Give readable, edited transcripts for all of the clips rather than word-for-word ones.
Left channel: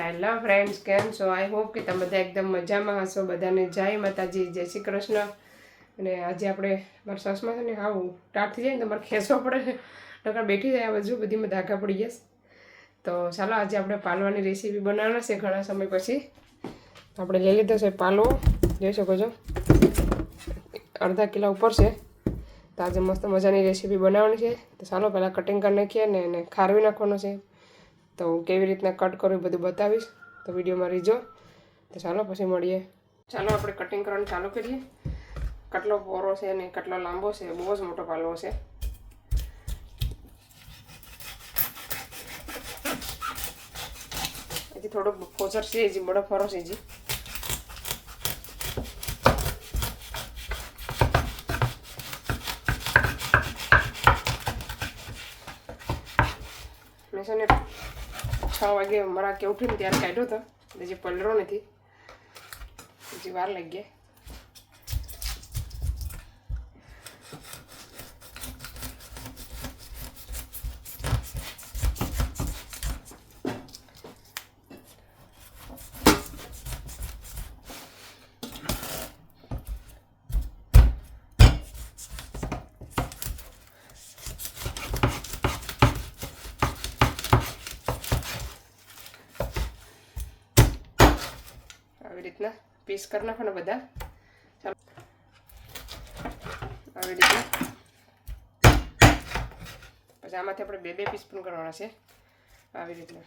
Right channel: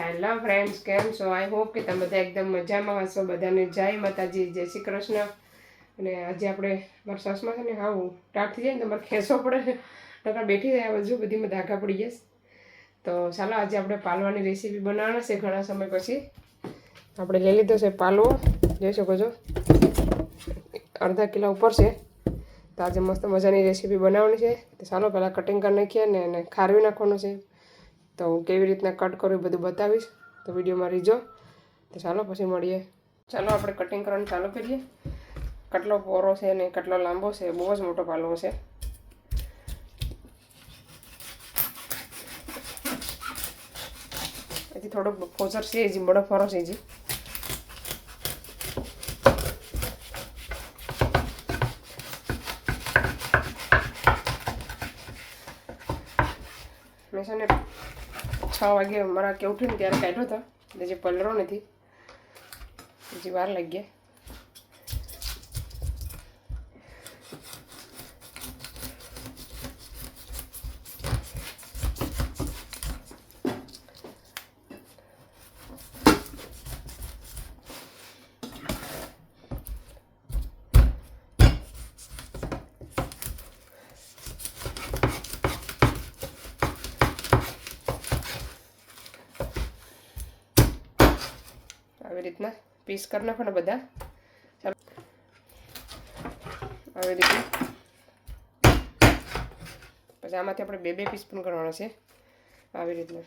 Hello friends, કેમ છો? I hope કે તમે બધા એકદમ મજામાં હશો. બધાને જય માતાજી, જય શ્રી કૃષ્ણ. અને આજે આપણે મારા સાસમાં છે ને આવું ટાટ થઈ જાય ને તમારે ખેંચવો પડે, નકર બેઠી જાય બાજુ બધીમાં ધાગા પડી જશે. તો ચાલો આજે આપણે પાલવાની રેસીપી બનાવવાના છે. ઘણા સમય પછી આપણે લઈ લીધો છે પાલવો, જોઈ શકો છો અડધા કિલો ઉપર છે. તો આજે મસ્ત મજાની રેસીપી બનાવવાની છે. તો ચાલો પહેલાં કટિંગ કરી નાખીએ ને એને ખારવી નાખવાનું છે. તો હું કેવી રીતના કટ કરું એ બધું બતાવીશ, તો વિડીયોમાં રીજો. તો ચાલો પછી મળીએ. ચાલો આપણે કટિંગ કરવાનું ચાલુ કરીએ. કેટલો પહોળો છે ને કેટલો લાંબો છે, બહુ જ મોટો પાલવો છે. એથી થોડોક કોચર છે, હજી બડો ફરો છે. હજી મેં છે ને 6 વાગે મારા કે ઉઠીને ત્યારે કાઢ્યો હતો, એટલે જે પલળો નથી, હજી વાર લાગી. આવી રીતના પીસ કરી નાખવાના બધા. ચાલો આવી રીતના. પછી આમાંથી આપણે બે પીસ પણ કરવાના છે. આવી રીતના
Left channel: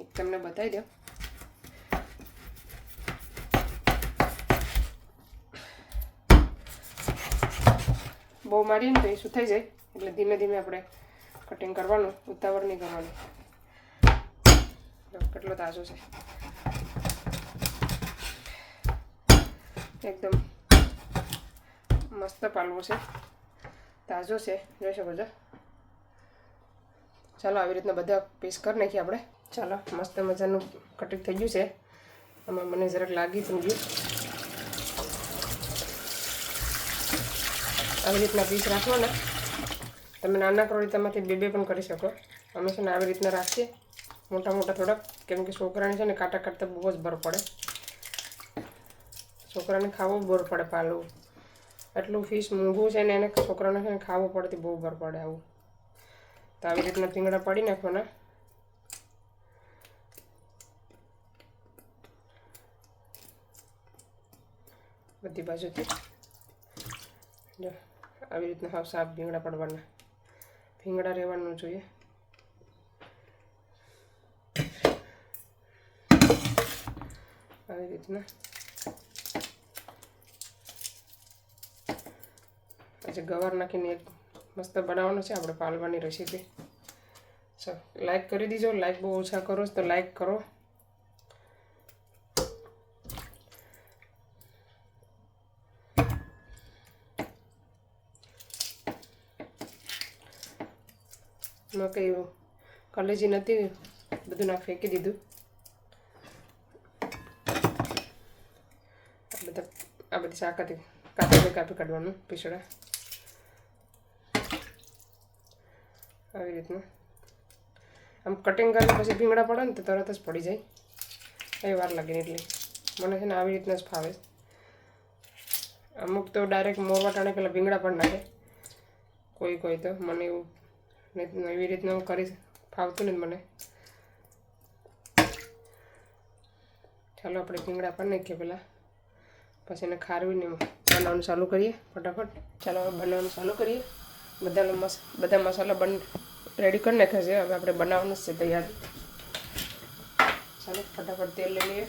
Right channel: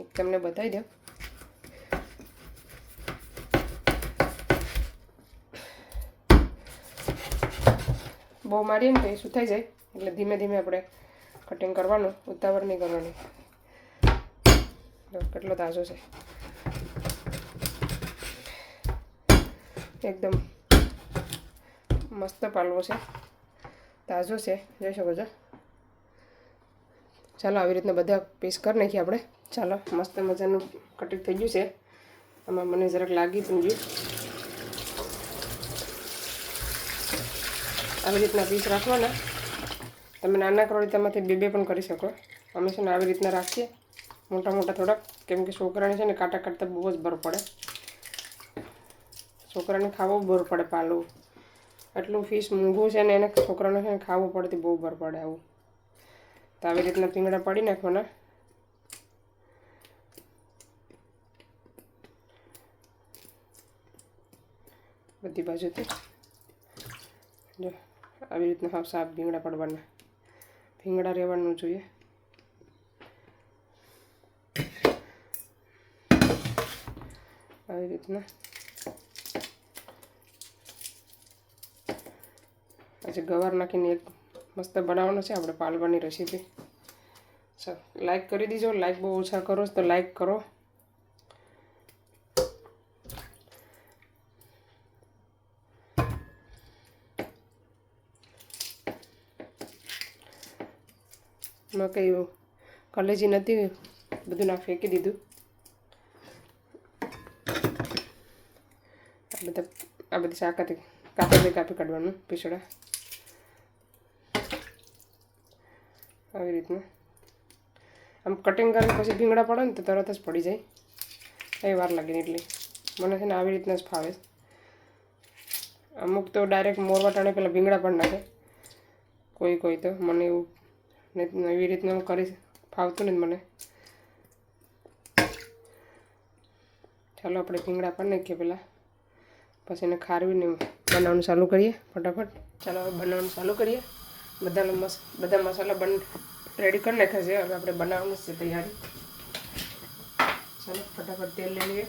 એક તમને બતાવી દો. બહુ મારીએ ને તો એ સુથાઈ જાય, એટલે ધીમે ધીમે આપણે કટિંગ કરવાનું, ઉતાવળ નહીં કરવાની. કેટલો તાજો છે, એકદમ મસ્ત પાલવો છે, તાજો છે, જોઈ શકો છો. ચાલો આવી રીતના બધા પીસ કરી નાખીએ આપણે. ચાલો મસ્ત મજાનું કટિંગ થઈ ગયું છે. આમાં મને જરાક લાગી સમજ્યું. આવી રીતના પીસ રાખવાના. તમે નાના કરો તેમાંથી બે પણ કરી શકો. અમે છે ને આવી રીતના રાખીએ, મોટા મોટા થોડાક, કેમ કે છોકરાને છે ને કાંટા કાઢતા બહુ જ બર પડે. છોકરાને ખાવું બર પડે પાલવું. આટલું ફિશ મોંઘું છે ને એને છોકરાને છે ને ખાવું પડતી બહુ બર પડે આવું. તો આવી રીતના પીંગળા પાડી નાખવાના. બધી બાજુથી જો આવી રીતના હાવ સાફ ભીંગડા પાડવાના. ભીંગડા રહેવાનું જોઈએ. આવી રીતના પછી ગવાર નાખીને એક મસ્ત બનાવવાનો છે આપણે પાલવાની રેસીપી. ચાલો લાઈક કરી દીજો. લાઈક બહુ ઓછા કરો તો લાઈક કરો. એમાં કંઈ કલેજી નથી, બધું ના ફેંકી દીધું. આ બધી શાકાથી કાપી કાઢવાનું પીસડા. આવી રીતના આમ કટિંગ કરીને પછી ભીંગડા પડે ને તો તરત જ પડી જાય, કંઈ વાર લાગે. એટલે મને છે ને આવી રીતના જ ફાવે. અમુક તો ડાયરેક્ટ મોરવા ટાણે પેલા ભીંગડા પણ નાખે, કોઈ તો. મને એવું ને એવી રીતના હું કરી ફાવતું નહીં મને. ચાલો આપણે ભીંગડા પણ નાખીએ પહેલાં, પછી એને ખારવીને બનાવવાનું ચાલુ કરીએ ફટાફટ. ચાલો હવે બનાવવાનું ચાલુ કરીએ. બધા મસાલા રેડી કરી નાખ્યા છે. હવે આપણે બનાવવાનું છે તૈયારી. ચાલો ફટાફટ તેલ લઈ લઈએ.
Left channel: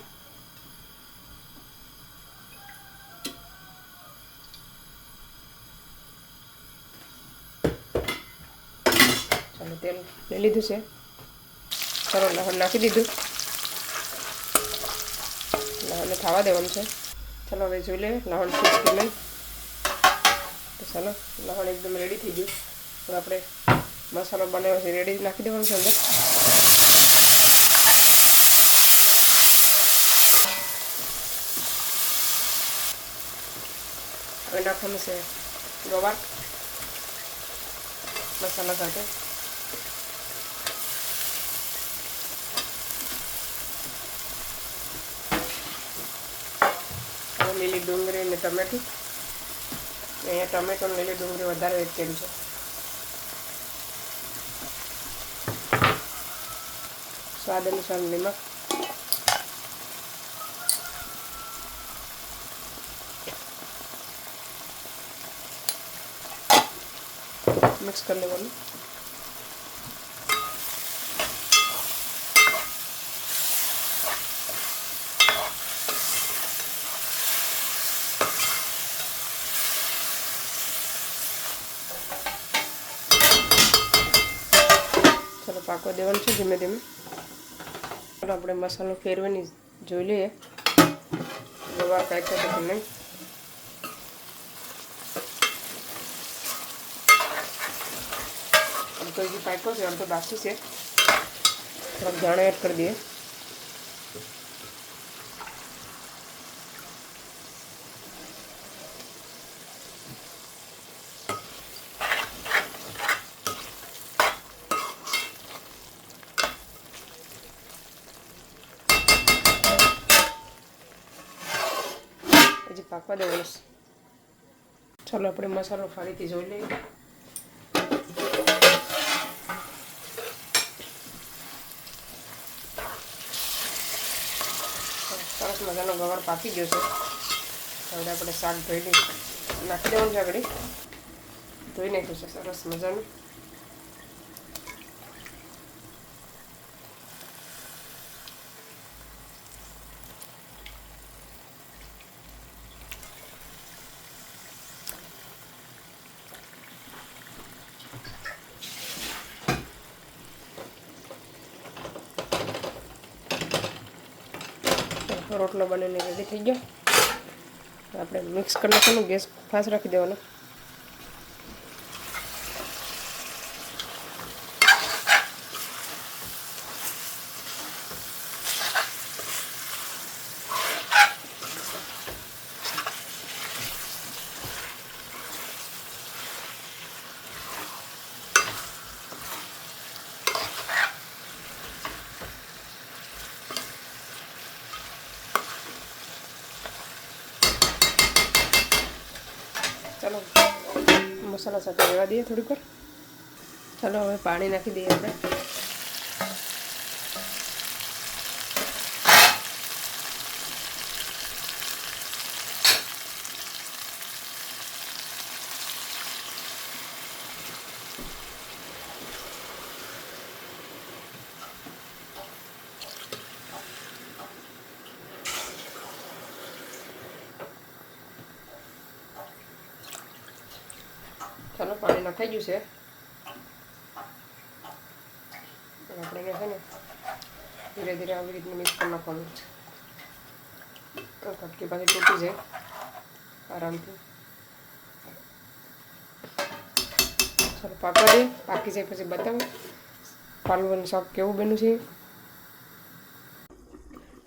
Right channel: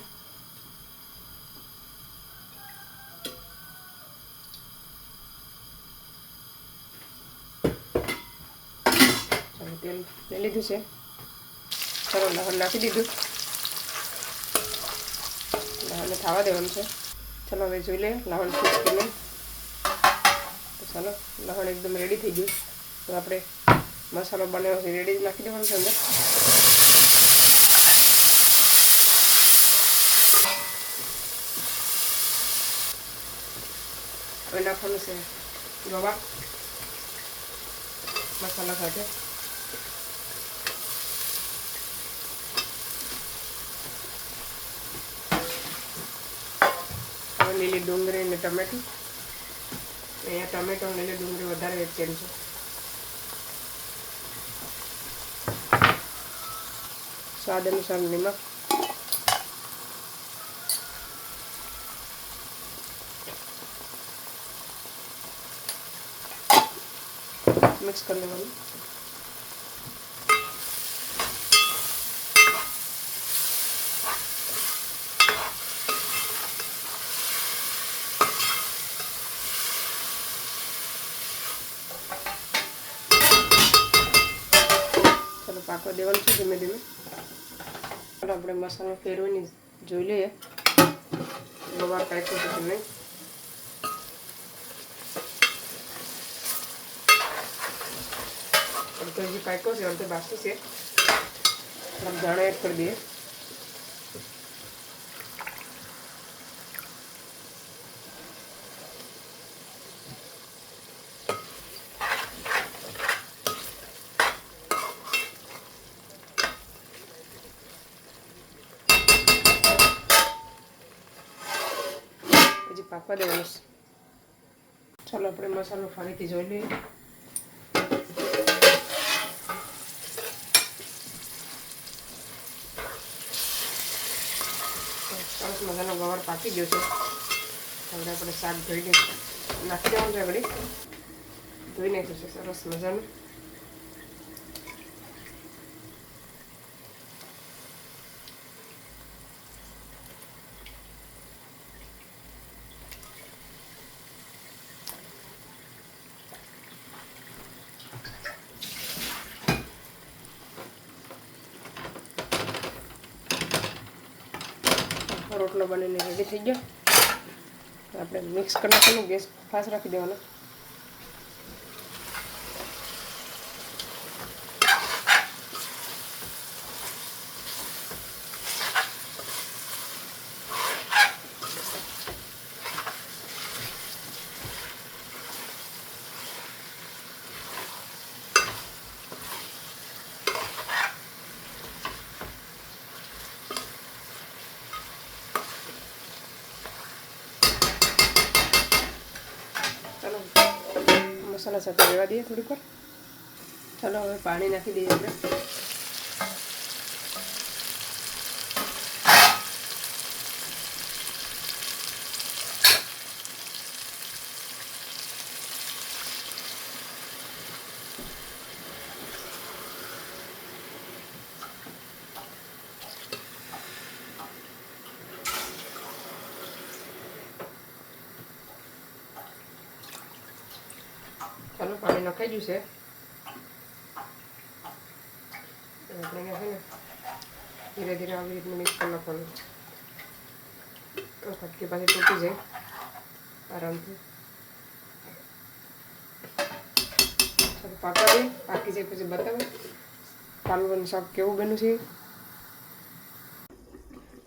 ચાલો તેલ લઈ લીધું છે. ચાલો લસણ નાખી દીધું. લસણને ખાવા દેવાનું છે. ચાલો હવે જોઈ લઈએ લસણ ફિક્સ કરી લઈએ. તો ચાલો લસણ એકદમ રેડી થઈ ગયું. તો આપણે મસાલો બનાવ્યો છે રેડી નાખી દેવાનો છે અંદર. હવે નાખવાનું છે ગવાર મસાલા સાથે. લીલી ડુંગળી અને ટમેટી. અહીંયા ટમેટો લીલી ડુંગળી વધારે વેચેલ છે. સ્વાદ અનુસાર નમક. મિક્સ કરી લેવાનું. ચાલો પાકો દેવાનું છે ધીમે ધીમે. ચાલો આપણે મસાલો ફેરવીને જોઈ લઈએ લોવા પેક છે કે નહીં. તો હજી પાક્યો છે, આમ તો બાકી છે. થોડોક જાણો એડ કરી દઈએ. હજી પાકવા દેવાનું છે. ચાલો આપણે મસાલો ફરીથી જોઈ લઈએ. સરસ મજાનો વઘાર પાકી ગયો છે. હવે આપણે શાક ધોઈને નાખી દેવાનું છે. આગળ ધોઈ નાખ્યું છે સરસ મજાનું. રોટલો બનીને રેડી થઈ ગયો. આપણે મિક્સ કરી નાખીને ગેસ ફાસ્ટ રાખી દેવાનો. મસાલા સાથે રહેવા દઈએ થોડીક વાર. ચાલો હવે પાણી નાખી દઈએ આપણે. ચાલો પાણી નખાઈ ગયું છે. આપણે છે ને ધીરે ધીરે આવી રીતનું મિક્સ કરી નાખવાનું. કટકી પાછી તૂટી જાય આરામથી. ચાલો પાકવા દઈએ. પાકી જાય પછી બતાવું પાલવાનું શાક કેવું બન્યું છે.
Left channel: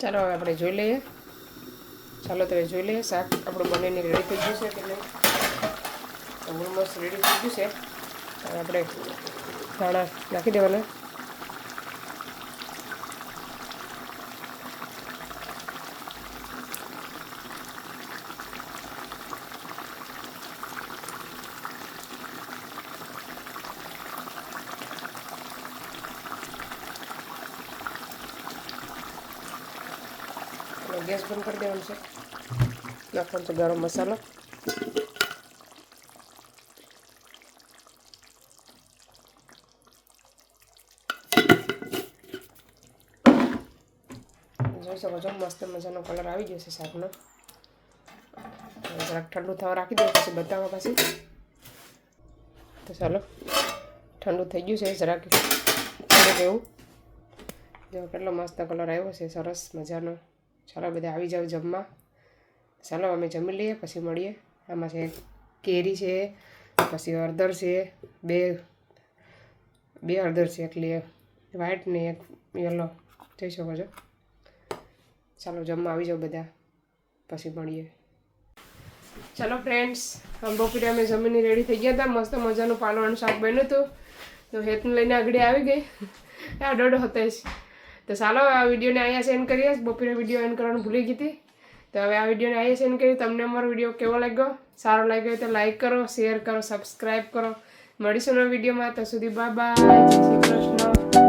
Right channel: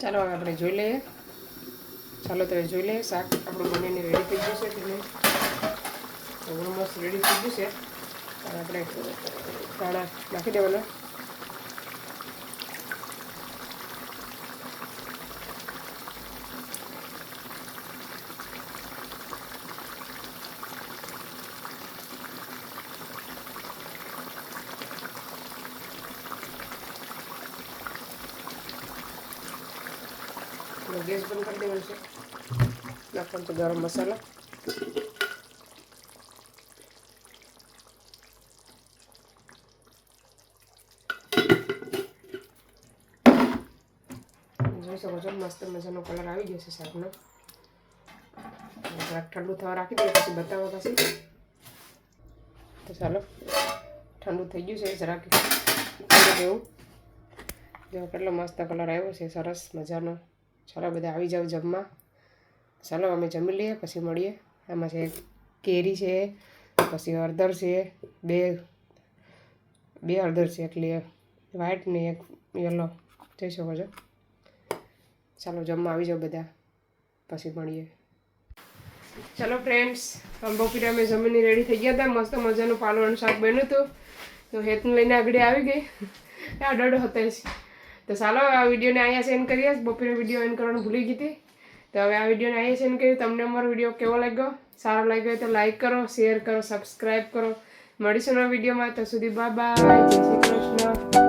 ચાલો હવે આપણે જોઈ લઈએ. ચાલો તમે જોઈ લઈએ શાક આપણું બનીને રેડી થઈ ગયું છે કે નહીં. ઓલમોસ્ટ રેડી થઈ ગયું છે. આપણે ધાણા નાખી દેવાના. ગેસ બંધ કરી દેવાનું છે. નાખવાનું છે ગરમ મસાલો. જોઈ શકો છો મસ્ત મજાનો કલર આવી ગયો છે શાકનો. જરાક ઠંડુ થવા રાખી દો પછી બતાવવા પછી. તો ચાલો ઠંડુ થઈ ગયું છે જરાક ઠંડુ જેવું. જો કેટલો મસ્ત કલર આવ્યો છે સરસ મજાનો. ચાલો બધા આવી જાઓ જમવા. ચાલો અમે જમી લઈએ પછી મળીએ. આમાં છે કેરી છે, પછી હળદર છે, બે હળદર છે, એકલી વ્હાઈટ ને એક યલો. જોઈ શકો છો. ચાલો જમવા આવી જાઓ બધા પછી મળીએ. ચાલો ફ્રેન્ડ્સ, બપોરે અમે જમીને રેડી થઈ ગયા હતા. મસ્ત મજાનું પાલવાનું શાક બન્યું હતું. તો હેતને લઈને આગળ આવી ગઈ. આ ડોડો હતો જ. તો ચાલો આ વિડીયોને અહીંયા સેન્ડ કરીએ. બપોરે વિડીયો એન્ડ કરવાનું ભૂલી ગઈ હતી. તો હવે આ વિડીયોને અહીંયા સેન્ડ કરી. તમને અમારો વિડીયો કેવો લાગ્યો, સારો લાગ્યો હોય તો લાઈક કરો, શેર કરો, સબસ્ક્રાઈબ કરો. મળીશું નવા વિડીયોમાં. તો સુધી બાય બાય, જય શ્રી કૃષ્ણ.